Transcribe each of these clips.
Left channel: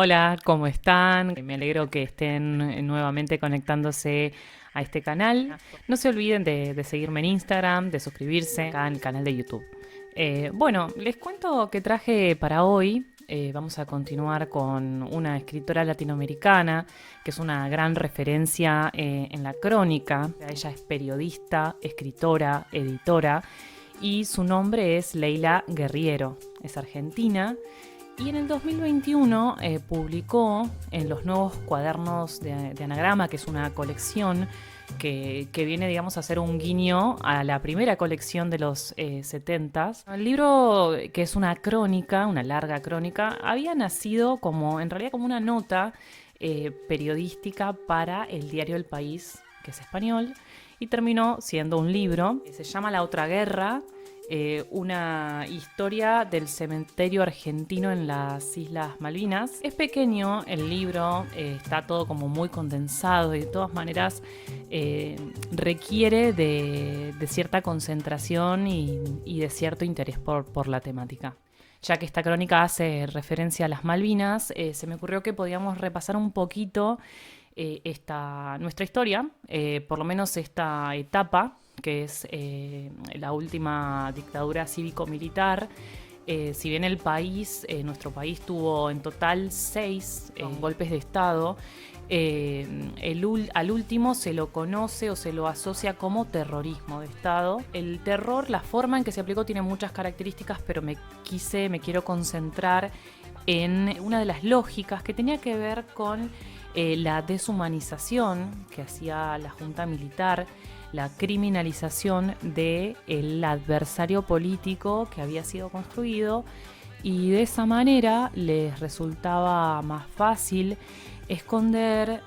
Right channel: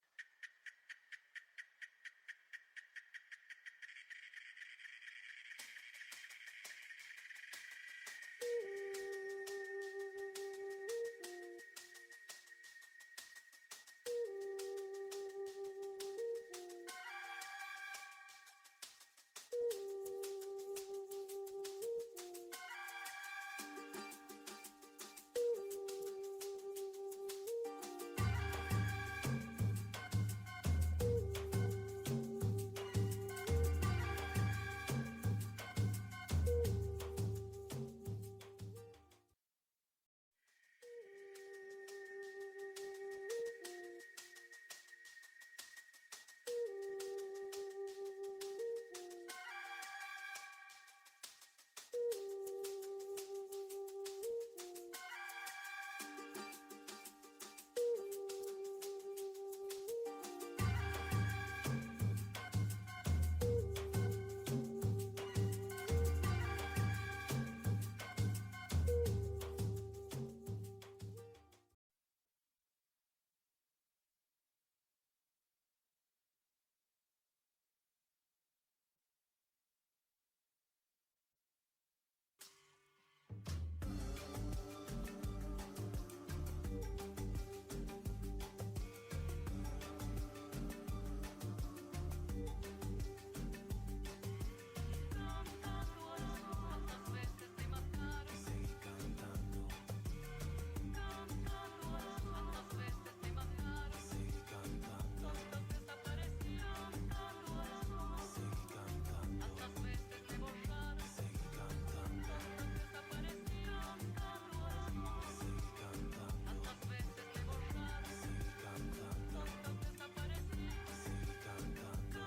Hola, ¿cómo están? Me alegro que estén nuevamente conectándose a este canal. No se olviden de seguirme en Instagram, de suscribirse acá en el canal de YouTube. Bueno, les cuento que traje para hoy. Vamos a continuar con una escritora latinoamericana que es una gran referencia en la crónica. Ella es periodista, escritora, editora y su nombre es Leila Guerriero. Es argentina y en el 2021 publicó en los nuevos cuadernos de Anagrama, que es una colección que viene, digamos, a ser un guiño a la primera colección de los 70s. El libro, que es una crónica, una larga crónica, había nacido como, en realidad, como una nota periodística para el diario El País, que es español, y terminó siendo un libro. Se llama La Otra Guerra, una historia del cementerio argentino en las Islas Malvinas. Es pequeño el libro, está todo como muy condensado y de todas maneras requiere de cierta concentración y de cierto interés por la temática. Ya que esta crónica hace referencia a las Malvinas, se me ocurrió que podíamos repasar un poquito nuestra historia, por lo menos esta etapa, que es la última dictadura cívico-militar. Si bien el país, nuestro país tuvo en total 6 golpes de Estado, al último se lo conoce o se lo asocia como terrorismo de Estado. El terror, la forma en que se aplicó tiene muchas características, pero me quiero concentrar en una de las lógicas que tenía que ver con la deshumanización que hacía la Junta Militar, la criminalización del adversario político que había sido construido, y de esa manera les resultaba más fácil esconder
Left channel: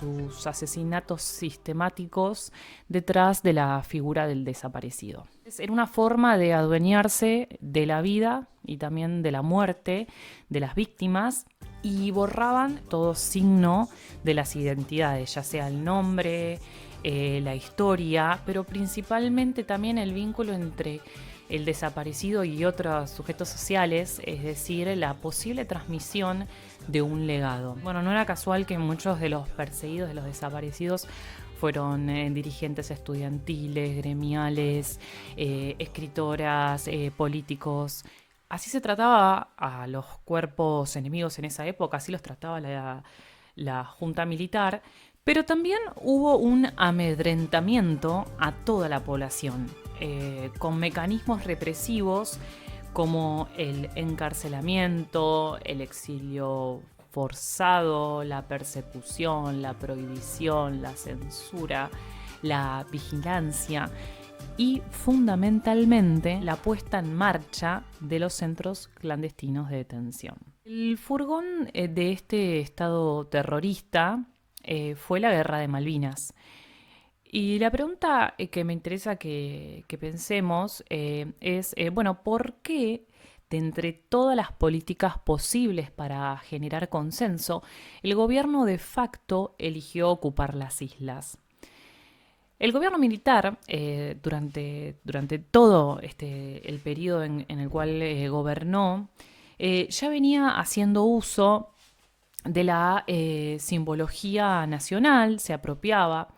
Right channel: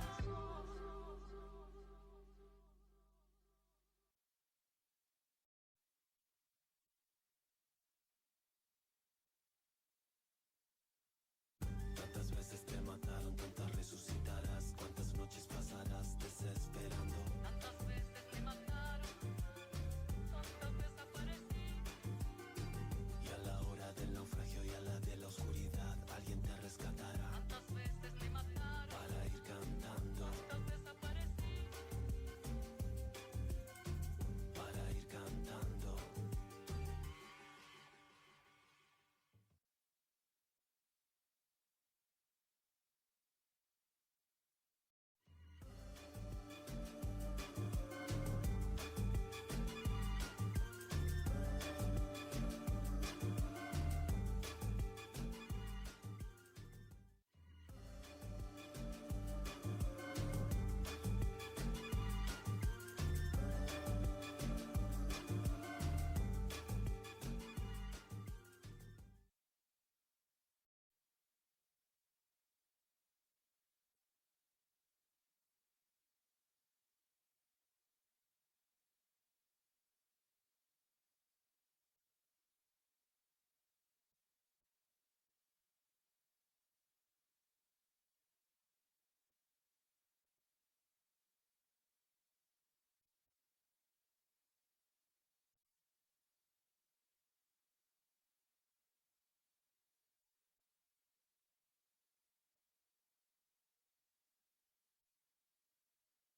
sus asesinatos sistemáticos detrás de la figura del desaparecido. Era una forma de adueñarse de la vida y también de la muerte de las víctimas, y borraban todo signo de las identidades, ya sea el nombre, la historia, pero principalmente también el vínculo entre el desaparecido y otros sujetos sociales, es decir, la posible transmisión de un legado. Bueno, no era casual que muchos de los perseguidos, de los desaparecidos, fueron dirigentes estudiantiles, gremiales, escritoras, políticos. Así se trataba a los cuerpos enemigos en esa época, así los trataba la Junta Militar, pero también hubo un amedrentamiento a toda la población, con mecanismos represivos como el encarcelamiento, el exilio forzado, la persecución, la prohibición, la censura, la vigilancia y fundamentalmente la puesta en marcha de los centros clandestinos de detención. El furgón de este estado terrorista fue la Guerra de Malvinas. Y la pregunta que me interesa que pensemos es, bueno, ¿por qué de entre todas las políticas posibles para generar consenso, el gobierno de facto eligió ocupar las islas? El gobierno militar, durante todo el periodo en el cual gobernó, ya venía haciendo uso de la simbología nacional, se apropiaba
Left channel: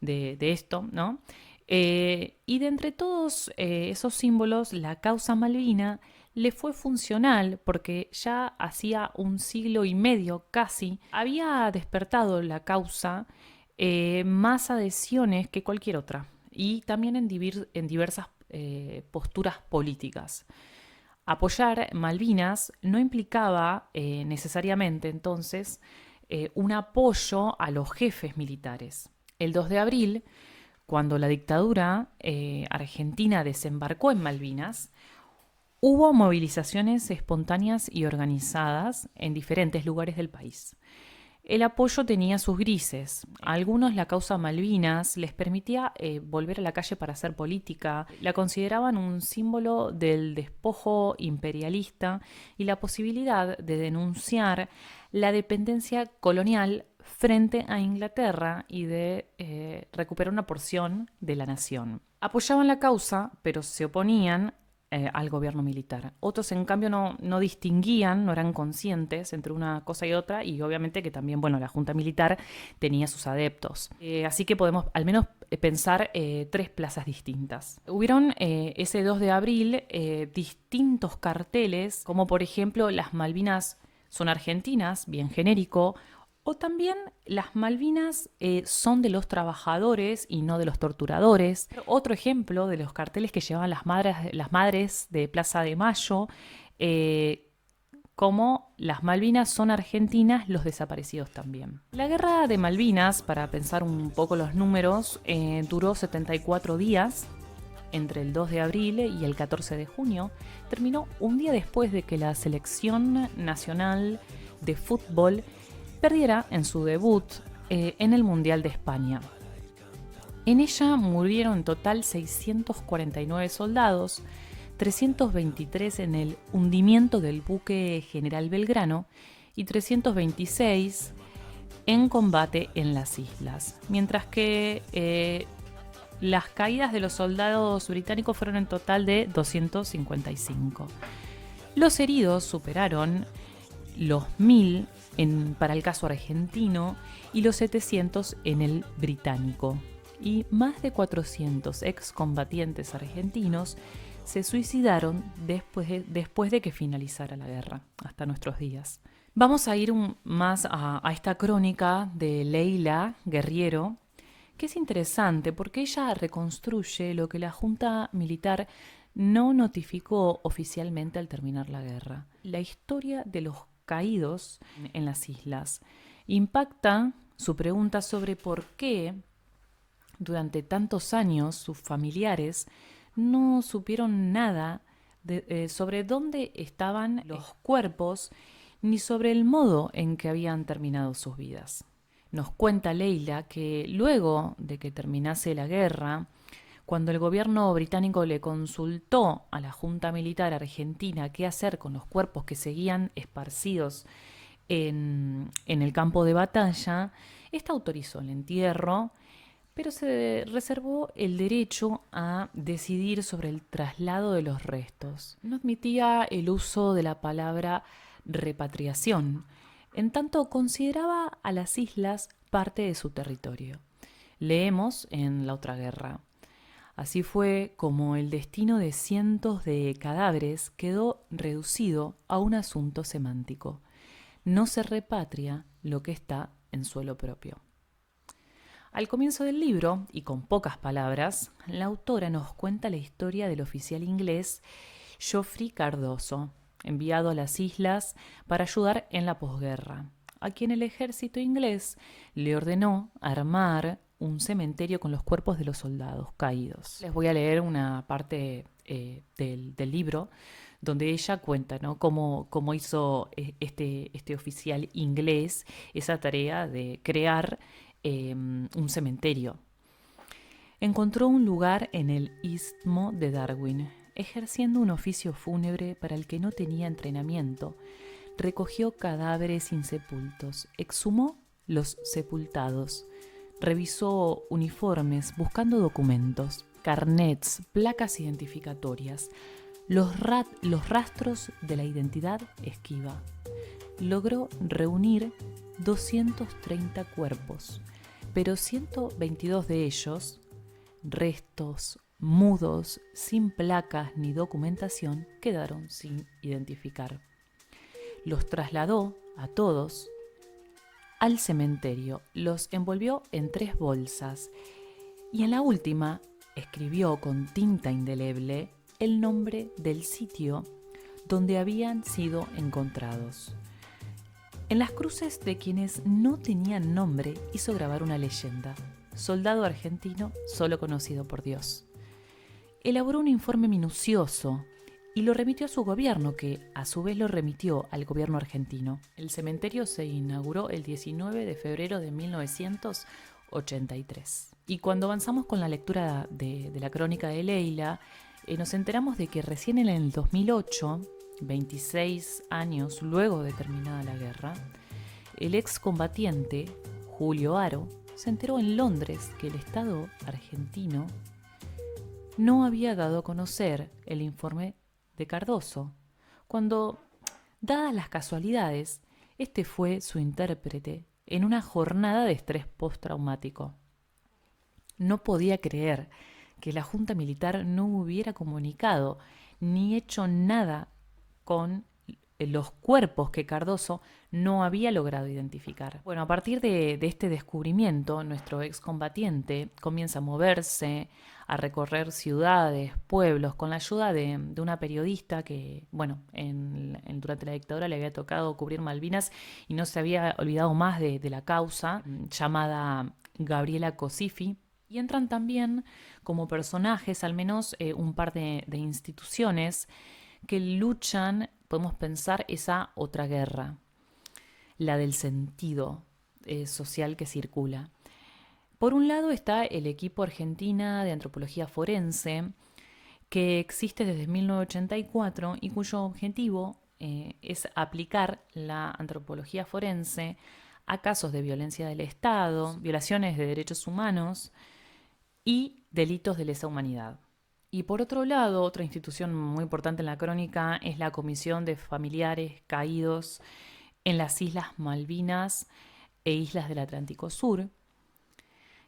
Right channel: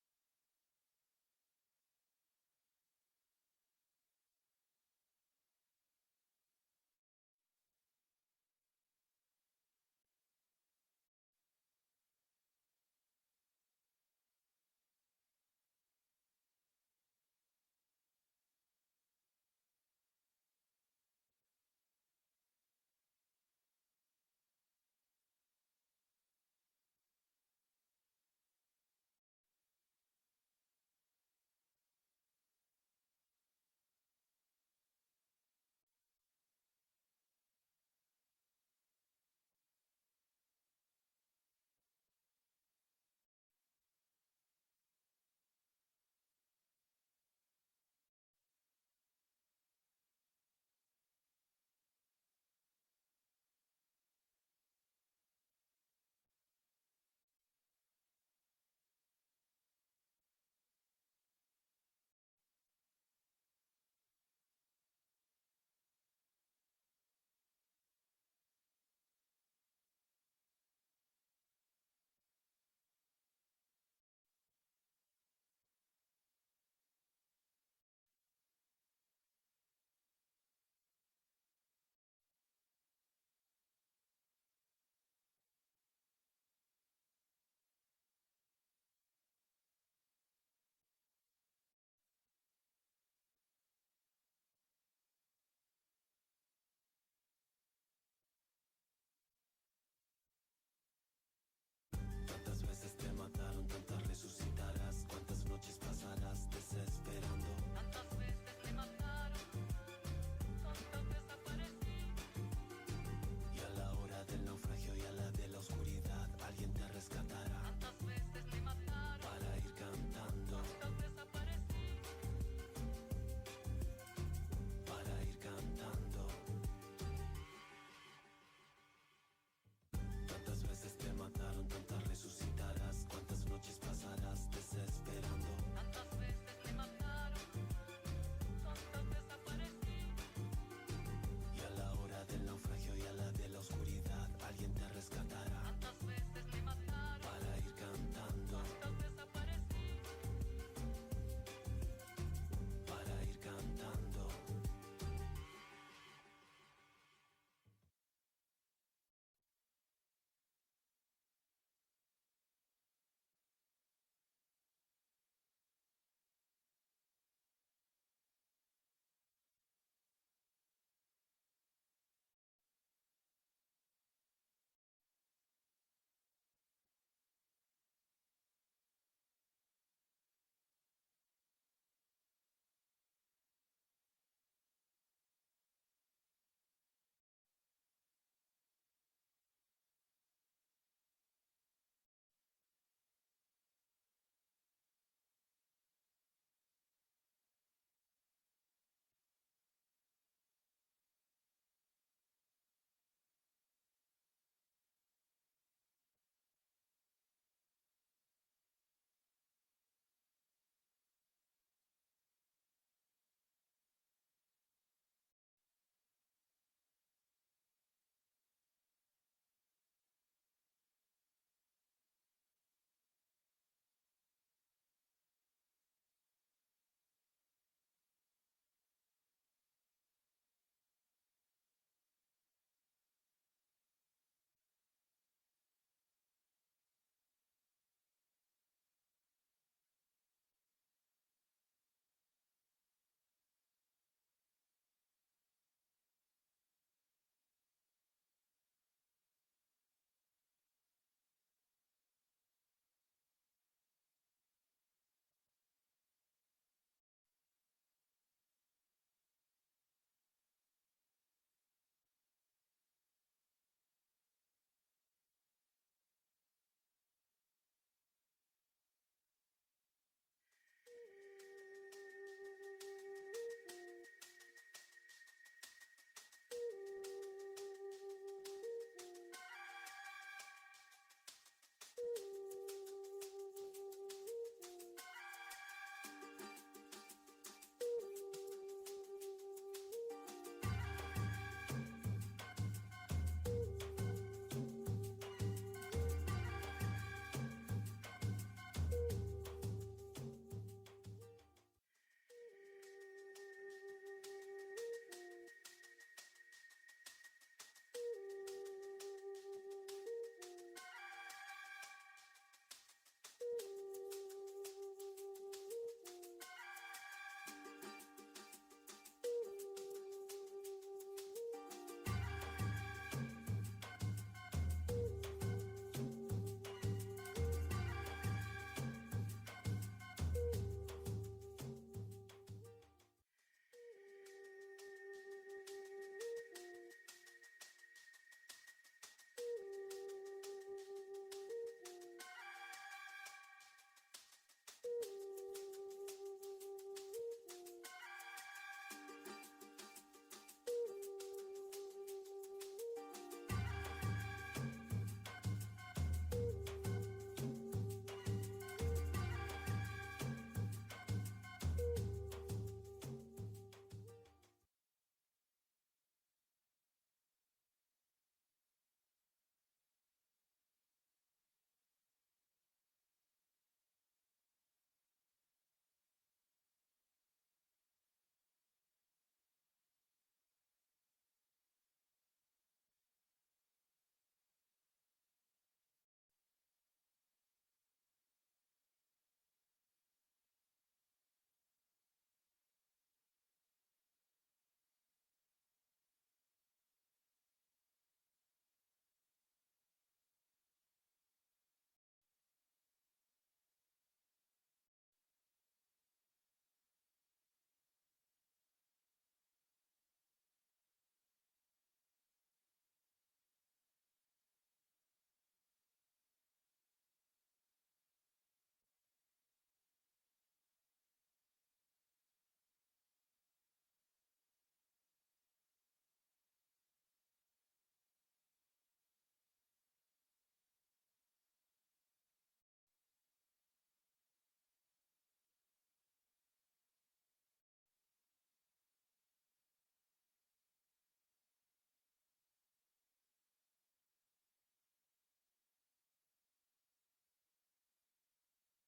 de esto, ¿no? Y de entre todos esos símbolos, la causa Malvina le fue funcional porque ya hacía un siglo y medio casi había despertado la causa más adhesiones que cualquier otra, y también en diversas posturas políticas. Apoyar Malvinas no implicaba necesariamente entonces un apoyo a los jefes militares. El 2 de abril, cuando la dictadura argentina desembarcó en Malvinas, hubo movilizaciones espontáneas y organizadas en diferentes lugares del país. El apoyo tenía sus grises. A algunos la causa Malvinas les permitía volver a la calle para hacer política. La consideraban un símbolo del despojo imperialista y la posibilidad de denunciar la dependencia colonial frente a Inglaterra y de recuperar una porción de la nación. Apoyaban la causa, pero se oponían al gobierno militar. Otros, en cambio, no distinguían, no eran conscientes entre una cosa y otra, y obviamente que también, bueno, la junta militar tenía sus adeptos. Así que podemos al menos pensar tres plazas distintas. Hubieron ese 2 de abril distintos carteles, como por ejemplo las Malvinas son argentinas, bien genérico, o también las Malvinas son de los trabajadores y no de los torturadores. Otro ejemplo de los carteles que llevaban las madres de Plaza de Mayo, como las Malvinas son argentinas, los desaparecidos también. La guerra de Malvinas, para pensar un poco los números, duró 74 días, entre el 2 de abril y el 14 de junio. Terminó un día después de que la selección nacional de fútbol perdiera en su debut en el Mundial de España. En ella murieron en total 649 soldados, 323 en el hundimiento del buque General Belgrano y 326 en combate en las islas, mientras que las caídas de los soldados británicos fueron en total de 255. Los heridos superaron los 1000 para el caso argentino y los 700 en el británico. Y más de 400 excombatientes argentinos se suicidaron después de que finalizara la guerra, hasta nuestros días. Vamos a ir más a esta crónica de Leila Guerriero, que es interesante porque ella reconstruye lo que la Junta Militar no notificó oficialmente al terminar la guerra. La historia de los caídos en las islas. Impacta su pregunta sobre por qué durante tantos años sus familiares no supieron nada sobre dónde estaban los cuerpos ni sobre el modo en que habían terminado sus vidas. Nos cuenta Leila que luego de que terminase la guerra, cuando el gobierno británico le consultó a la Junta Militar Argentina qué hacer con los cuerpos que seguían esparcidos en el campo de batalla, esta autorizó el entierro, pero se reservó el derecho a decidir sobre el traslado de los restos. No admitía el uso de la palabra repatriación, en tanto consideraba a las islas parte de su territorio. Leemos en La Otra Guerra. Así fue como el destino de cientos de cadáveres quedó reducido a un asunto semántico. No se repatria lo que está en suelo propio. Al comienzo del libro, y con pocas palabras, la autora nos cuenta la historia del oficial inglés Geoffrey Cardoso, enviado a las islas para ayudar en la posguerra, a quien el ejército inglés le ordenó armar un cementerio con los cuerpos de los soldados caídos. Les voy a leer una parte del libro donde ella cuenta, ¿no?, cómo hizo este oficial inglés esa tarea de crear un cementerio. Encontró un lugar en el istmo de Darwin, ejerciendo un oficio fúnebre para el que no tenía entrenamiento. Recogió cadáveres insepultos, exhumó los sepultados, revisó uniformes buscando documentos, carnets, placas identificatorias, los rastros de la identidad esquiva. Logró reunir 230 cuerpos, pero 122 de ellos, restos mudos, sin placas ni documentación, quedaron sin identificar. Los trasladó a todos al cementerio, los envolvió en 3 bolsas y en la última escribió con tinta indeleble el nombre del sitio donde habían sido encontrados. En las cruces de quienes no tenían nombre hizo grabar una leyenda: soldado argentino solo conocido por Dios. Elaboró un informe minucioso y lo remitió a su gobierno, que a su vez lo remitió al gobierno argentino. El cementerio se inauguró el 19 de febrero de 1983. Y cuando avanzamos con la lectura de la crónica de Leila, nos enteramos de que recién en el 2008, 26 años luego de terminada la guerra, el excombatiente Julio Haro se enteró en Londres que el Estado argentino no había dado a conocer el informe de Cardoso, cuando, dadas las casualidades, este fue su intérprete en una jornada de estrés postraumático. No podía creer que la Junta Militar no hubiera comunicado ni hecho nada con los cuerpos que Cardoso no había logrado identificar. Bueno, a partir de este descubrimiento, nuestro excombatiente comienza a moverse, a recorrer ciudades, pueblos, con la ayuda de una periodista que, bueno, durante la dictadura le había tocado cubrir Malvinas y no se había olvidado más de la causa, llamada Gabriela Cosifi. Y entran también como personajes, al menos un par de instituciones que luchan, podemos pensar, esa otra guerra, la del sentido social que circula. Por un lado está el equipo Argentina de Antropología Forense, que existe desde 1984 y cuyo objetivo es aplicar la antropología forense a casos de violencia del Estado, violaciones de derechos humanos y delitos de lesa humanidad. Y por otro lado, otra institución muy importante en la crónica es la Comisión de Familiares Caídos en las Islas Malvinas e Islas del Atlántico Sur,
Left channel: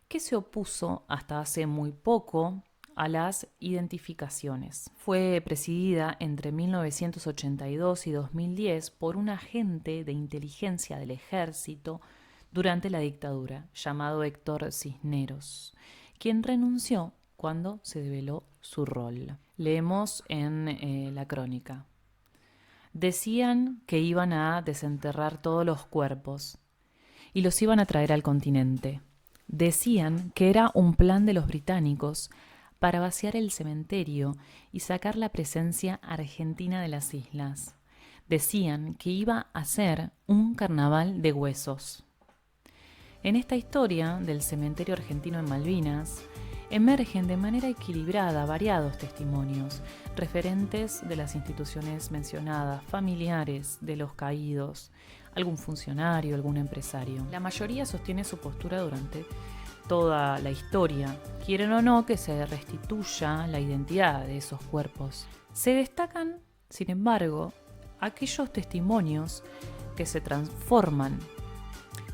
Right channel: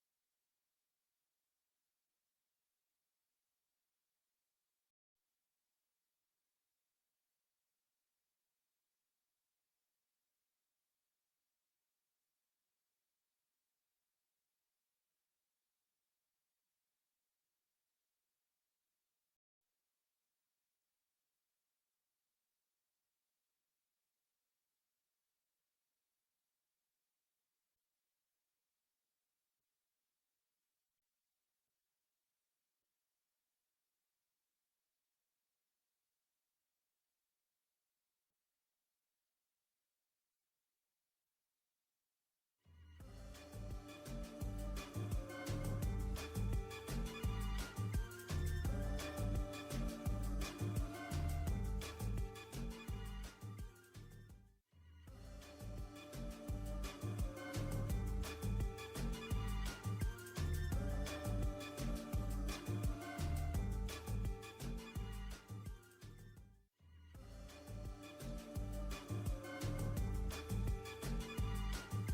que se opuso hasta hace muy poco a las identificaciones. Fue presidida entre 1982 y 2010 por un agente de inteligencia del ejército durante la dictadura, llamado Héctor Cisneros, quien renunció cuando se develó su rol. Leemos en la crónica. Decían que iban a desenterrar todos los cuerpos y los iban a traer al continente. Decían que era un plan de los británicos para vaciar el cementerio y sacar la presencia argentina de las islas. Decían que iba a ser un carnaval de huesos. En esta historia del cementerio argentino en Malvinas, emergen de manera equilibrada variados testimonios, referentes de las instituciones mencionadas, familiares de los caídos, algún funcionario, algún empresario. La mayoría sostiene su postura durante toda la historia. Quieren o no que se restituya la identidad de esos cuerpos. Se destacan, sin embargo, aquellos testimonios que se transforman,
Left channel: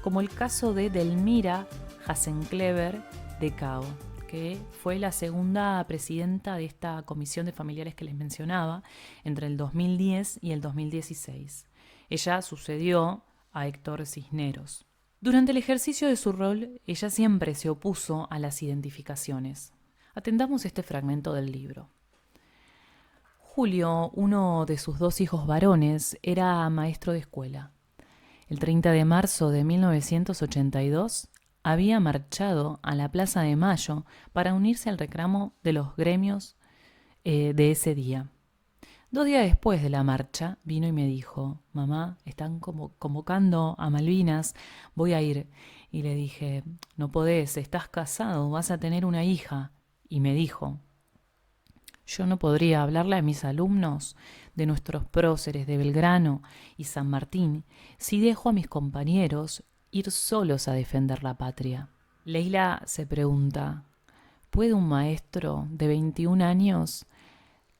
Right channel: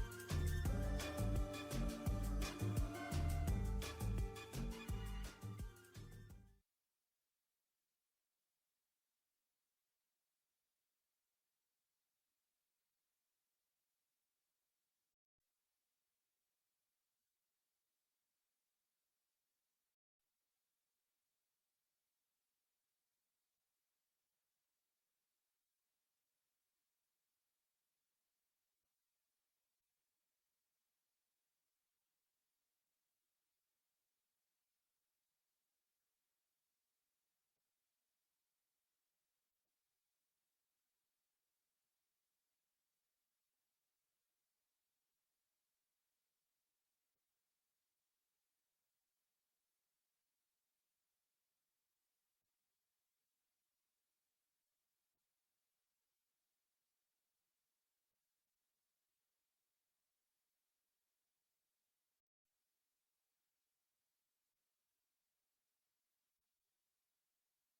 como el caso de Delmira Hasenclever de Cao, que fue la segunda presidenta de esta comisión de familiares que les mencionaba entre el 2010 y el 2016. Ella sucedió a Héctor Cisneros. Durante el ejercicio de su rol, ella siempre se opuso a las identificaciones. Atendamos este fragmento del libro. Julio, uno de sus dos hijos varones, era maestro de escuela. El 30 de marzo de 1982 había marchado a la Plaza de Mayo para unirse al reclamo de los gremios de ese día. 2 días después de la marcha vino y me dijo: mamá, están convocando a Malvinas, voy a ir. Y le dije: no podés, estás casado, vas a tener una hija. Y me dijo: yo no podría hablarle a mis alumnos de nuestros próceres de Belgrano y San Martín si dejo a mis compañeros ir solos a defender la patria. Leila se pregunta: ¿puede un maestro de 21 años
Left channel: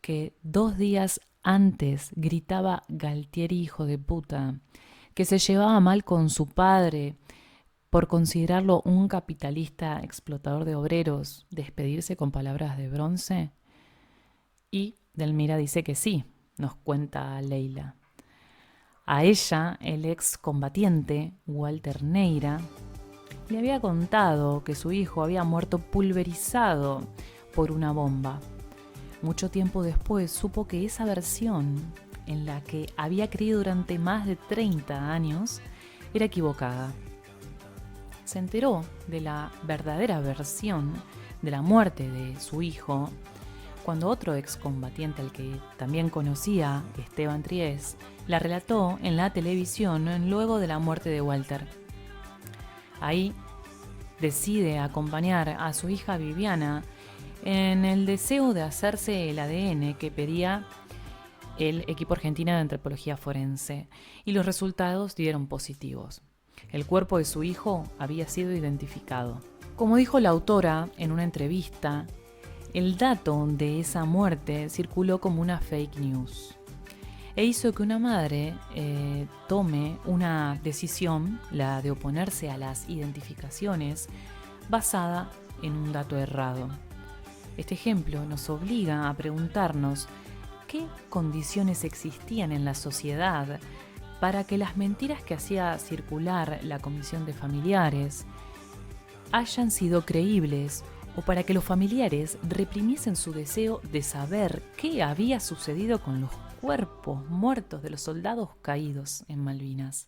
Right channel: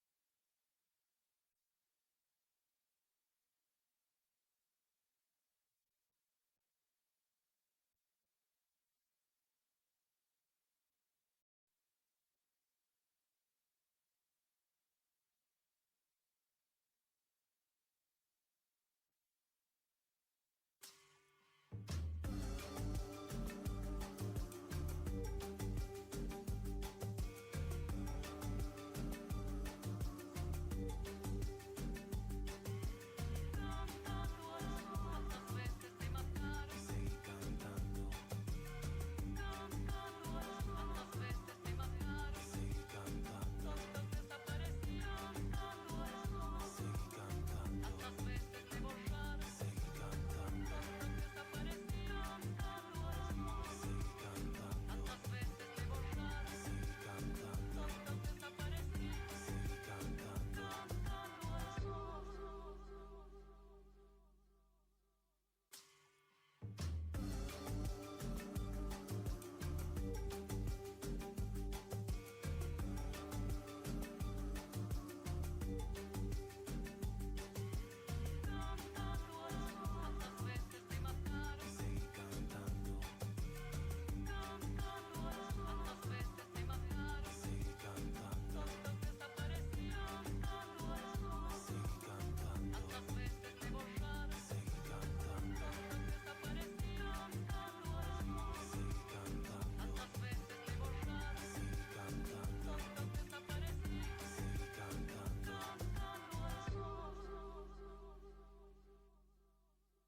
que 2 días antes gritaba Galtieri hijo de puta, que se llevaba mal con su padre por considerarlo un capitalista explotador de obreros, despedirse con palabras de bronce? Y Delmira dice que sí, nos cuenta Leila. A ella, el ex combatiente, Walter Neira, le había contado que su hijo había muerto pulverizado por una bomba. Mucho tiempo después supo que esa versión, en la que había creído durante más de 30 años, era equivocada. Se enteró de la verdadera versión de la muerte de su hijo cuando otro excombatiente, al que también conocía, Esteban Tries, la relató en la televisión luego de la muerte de Walter. Ahí decide acompañar a su hija Viviana en el deseo de hacerse el ADN que pedía el equipo argentino de antropología forense, y los resultados dieron positivos. El cuerpo de su hijo había sido identificado. Como dijo la autora en una entrevista, El dato de esa muerte circuló como una fake news e hizo que una madre tome una decisión, la de oponerse a las identificaciones, basada en un dato errado. Este ejemplo nos obliga a preguntarnos qué condiciones existían en la sociedad para que las mentiras que hacía circular la Comisión de Familiares hayan sido creíbles, o para que los familiares reprimiesen su deseo de saber qué había sucedido con los cuerpos muertos de los soldados caídos en Malvinas.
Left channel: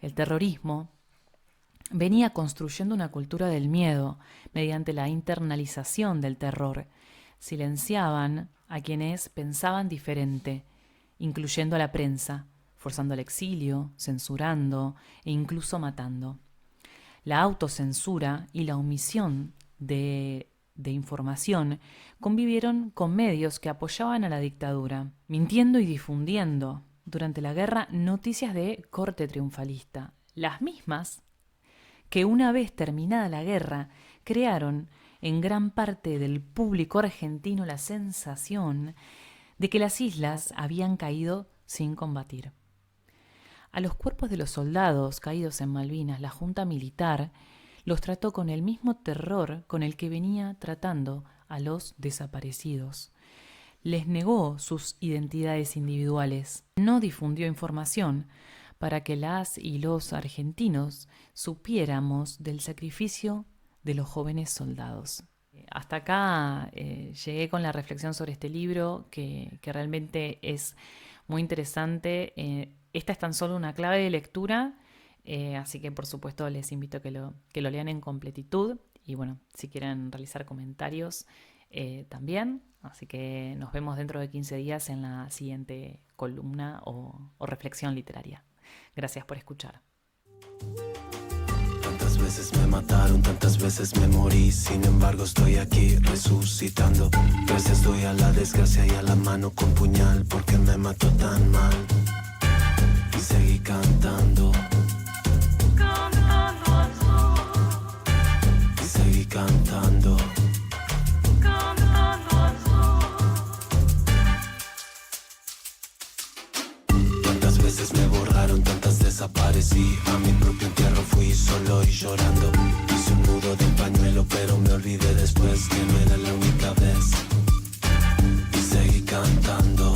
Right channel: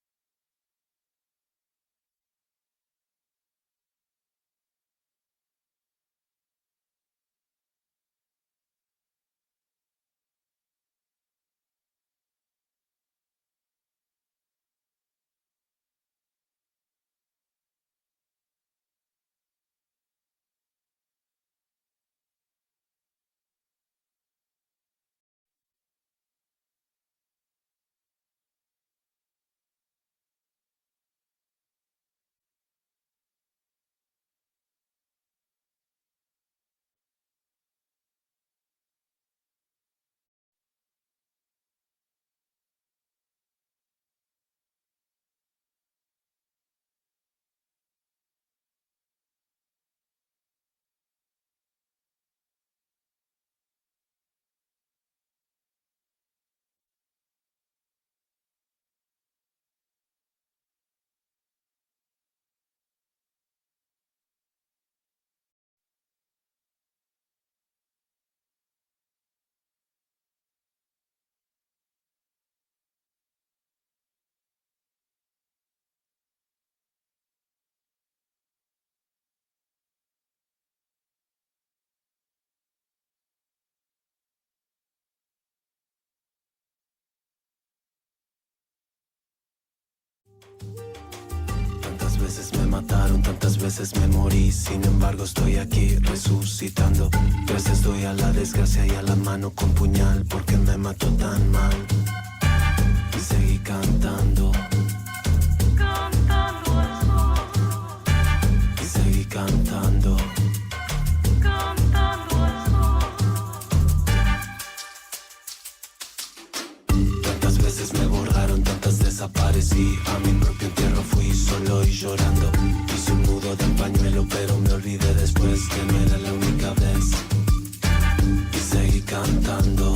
El terrorismo venía construyendo una cultura del miedo mediante la internalización del terror. Silenciaban a quienes pensaban diferente, incluyendo a la prensa, forzando al exilio, censurando e incluso matando. La autocensura y la omisión de información convivieron con medios que apoyaban a la dictadura, mintiendo y difundiendo durante la guerra noticias de corte triunfalista, las mismas que una vez terminada la guerra crearon en gran parte del público argentino la sensación de que las islas habían caído sin combatir. A los cuerpos de los soldados caídos en Malvinas, la Junta Militar los trató con el mismo terror con el que venía tratando a los desaparecidos. Les negó sus identidades individuales, no difundió información para que las y los argentinos supiéramos del sacrificio de los jóvenes soldados. Hasta acá llegué con la reflexión sobre este libro que realmente es muy interesante. Esta es tan solo una clave de lectura, así que por supuesto les invito a que lo lean en completitud y bueno, si quieren realizar comentarios también. Así que nos vemos dentro de 15 días en la siguiente columna o reflexión literaria. Gracias por escuchar. Tantas veces me mataron, tantas veces me morí, sin embargo estoy aquí resucitando. Gracias doy a la desgracia y a la mano con puñal, porque me mató tan mal. Y seguí cantando, cantando al sol. Y seguí cantando, cantando al sol. Tantas veces me borraron, tantas desaparecí. A mi propio entierro fui solo y llorando. Hice un nudo de pañuelo, pero me olvidé después que no era la única vez. Y seguí cantando.